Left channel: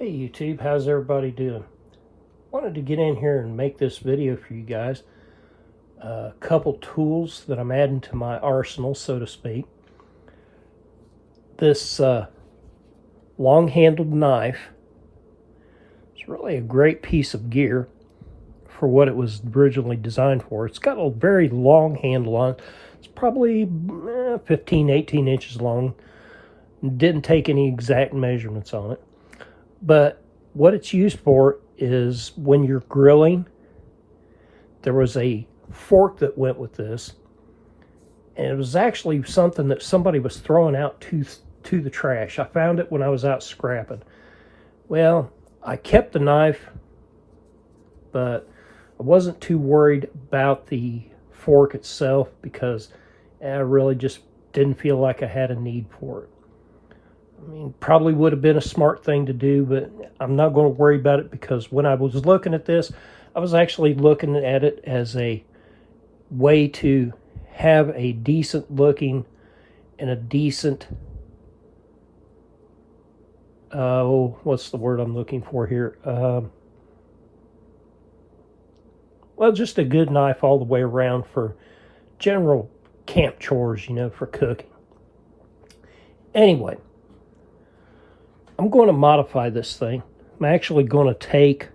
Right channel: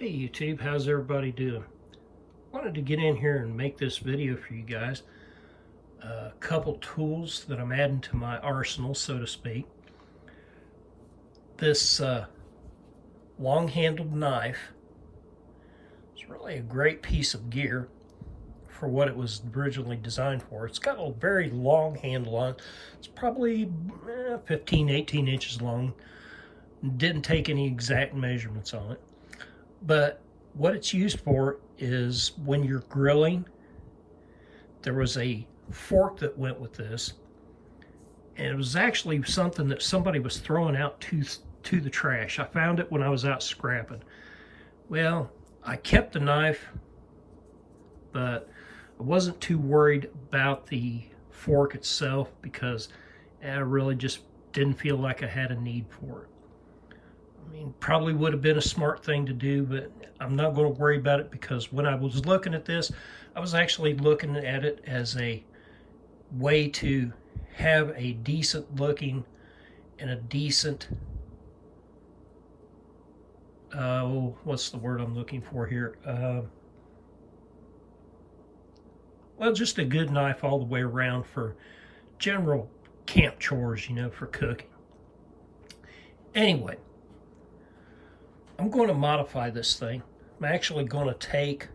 Hey YouTube, how's everybody doing? Wanted to get in here and make this video for you guys. A couple tools that I'm adding to my arsenal, so to speak. This long-handled knife is really a great piece of gear for what it was originally designed for. It's got a very long handle on it. It's probably 15, 18 inches long. Didn't take any exact measurements on it. But what it's used for is when you're grilling. There was a fork that went with this, and it was actually something that somebody was throwing out to the trash. I found it when I was out scrapping. Well, I kept the knife, but I wasn't too worried about the fork itself because I really just didn't feel like I had a need for it. I mean, probably would have been a smart thing to do, but I'm not going to worry about it because when I was looking at this, I was actually looking at it as a way to have a decent looking and a decent, what's the word I'm looking for here? Well, just a good knife all the way around for general camp chores, for cooking. Anyway, I'm going to modify this thing. I'm actually going to take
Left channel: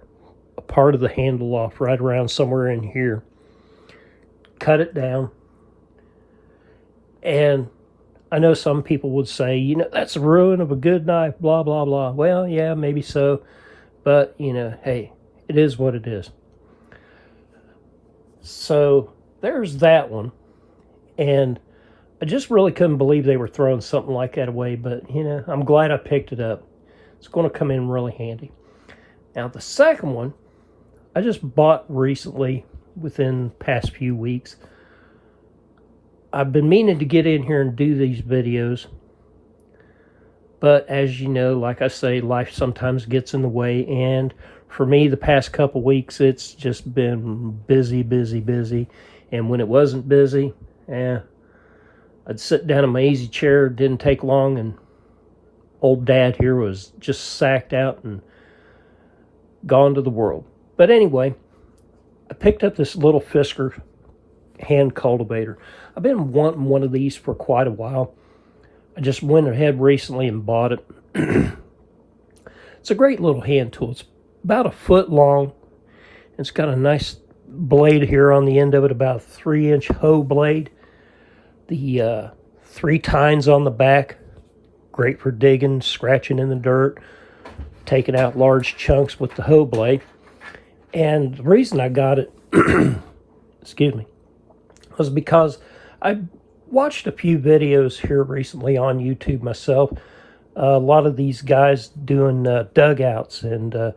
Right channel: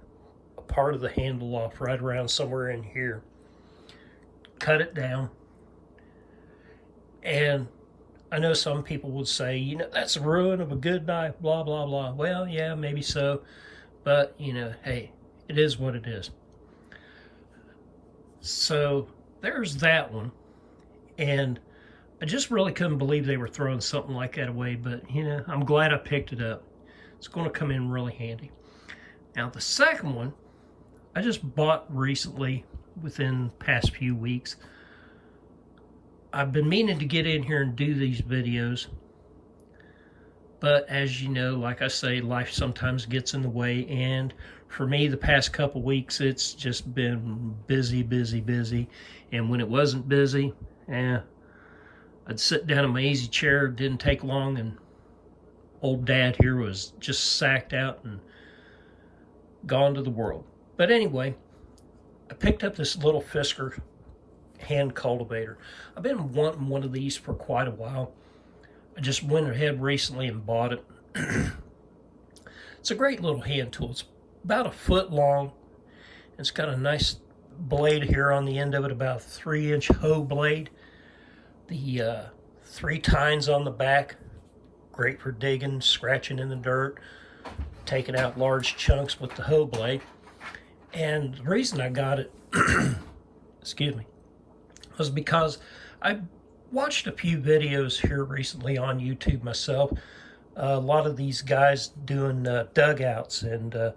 a part of the handle off right around somewhere in here, cut it down, and I know some people would say, that's the ruin of a good knife, blah, blah, blah. Well, yeah, maybe so, but, hey, it is what it is. So there's that one, and I just really couldn't believe they were throwing something like that away, but, I'm glad I picked it up. It's going to come in really handy. Now, the second one, I just bought recently within the past few weeks. I've been meaning to get in here and do these videos, but as you know, like I say, life sometimes gets in the way, and for me, the past couple weeks, it's just been busy, busy, busy, and when it wasn't busy, I'd sit down in my easy chair, it didn't take long, and old dad here was just sacked out and gone to the world. But anyway, I picked up this little Fisker hand cultivator. I've been wanting one of these for quite a while. I just went ahead recently and bought it. It's a great little hand tool. It's about 1 foot long. It's got a nice blade here on the end of it, about a 3-inch hoe blade. The 3 tines on the back. Great for digging, scratching in the dirt, taking out large chunks with the hoe blade. And the reason I got it, excuse me, was because I watched a few videos here recently on YouTube myself. A lot of these guys doing dugouts and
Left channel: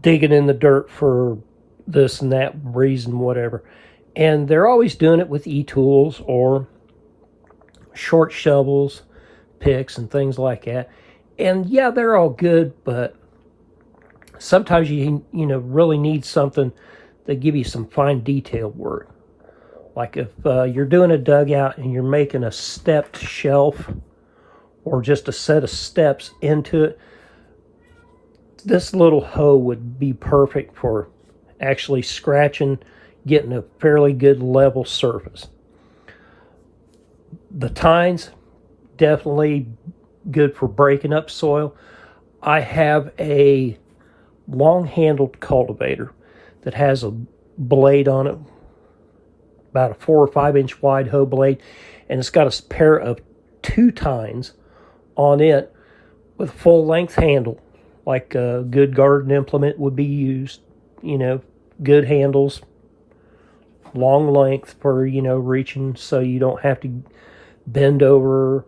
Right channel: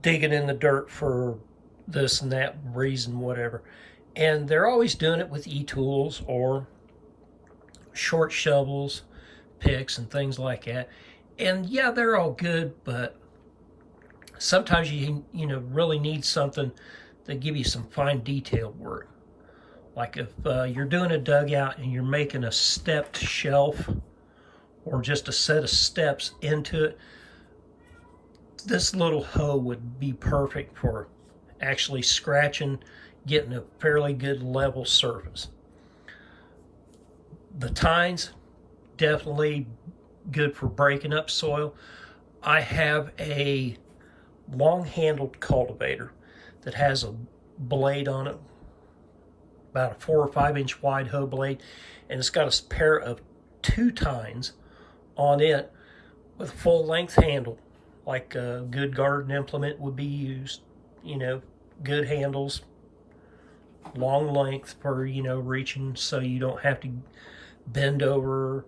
digging in the dirt for this and that reason, whatever. And they're always doing it with e-tools or short shovels, picks and things like that. And yeah, they're all good, but sometimes you really need something that give you some fine detailed work. Like if you're doing a dugout and you're making a stepped shelf or just a set of steps into it, this little hoe would be perfect for actually scratching, getting a fairly good level surface. The tines, definitely good for breaking up soil. I have a long-handled cultivator that has a blade on it, about a 4 or 5 inch wide hoe blade, and it's got a pair of 2 tines on it with a full-length handle, like a good garden implement would be used. Good handles, long length for reaching, so you don't have to bend over,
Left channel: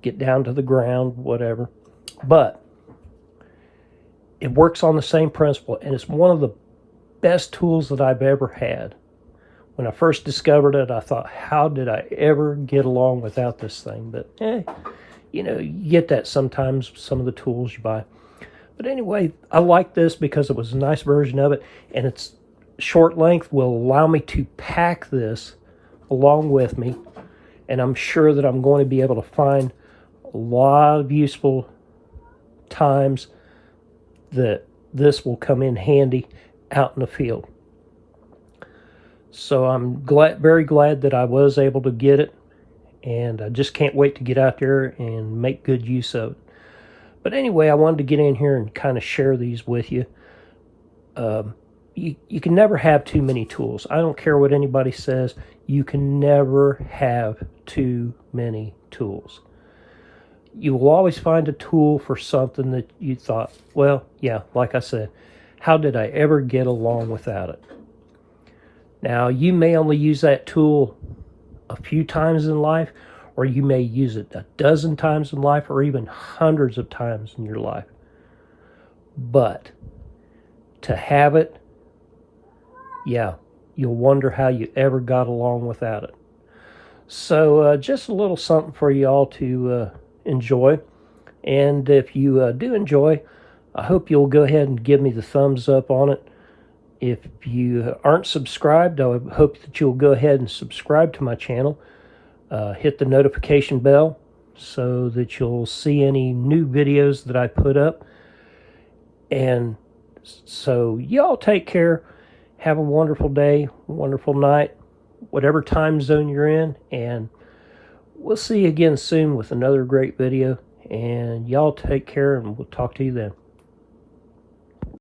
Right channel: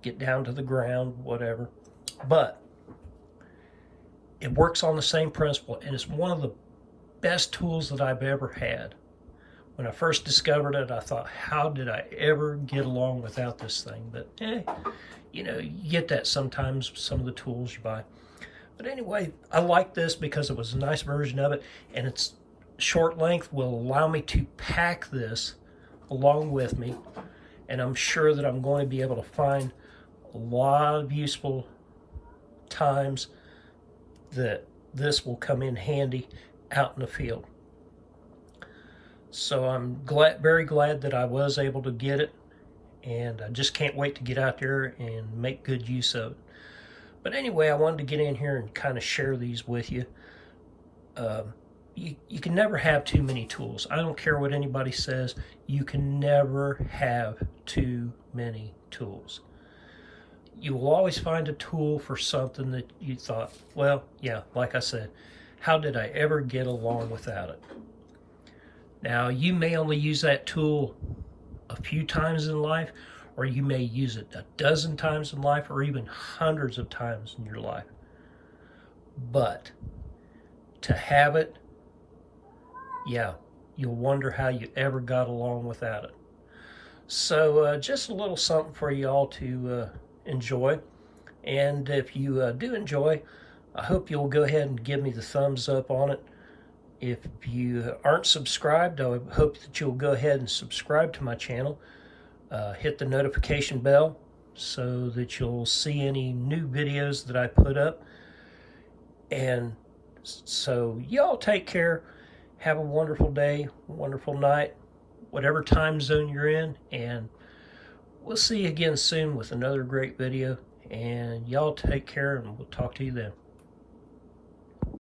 get down to the ground, whatever. But it works on the same principle, and it's one of the best tools that I've ever had. When I first discovered it, I thought, how did I ever get along without this thing? But, you get that sometimes, some of the tools you buy. But anyway, I like this because it was a nice version of it, and its short length will allow me to pack this along with me, and I'm sure that I'm going to be able to find a lot of useful times that this will come in handy out in the field. So I'm very glad that I was able to get it, and I just can't wait to get out there and make good use of it. But anyway, I wanted to get in here and kind of share these with you. You can never have too many tools. I don't care what anybody says. You can never have too many tools. You will always find a tool for something that you thought, well, yeah, like I said, how did I ever get along without it? Now, you may only use that tool a few times in life, or you may use it a dozen times in life, or even hundreds of times in your life. But to have it, yeah, you'll wonder how you ever got along without it. So just a little something for you all to enjoy. And if you do enjoy, I hope you'll go ahead and give me the thumbs up on it. If you aren't subscribed, I hope that you'll go ahead and subscribe to my channel. Hit the notification bell so that you'll see any new videos that I put up. And so y'all take care. Have a wonderful day, wonderful night, whatever time zone you're in. And we'll see you again soon with another great video. And y'all take care, and we'll talk to you then.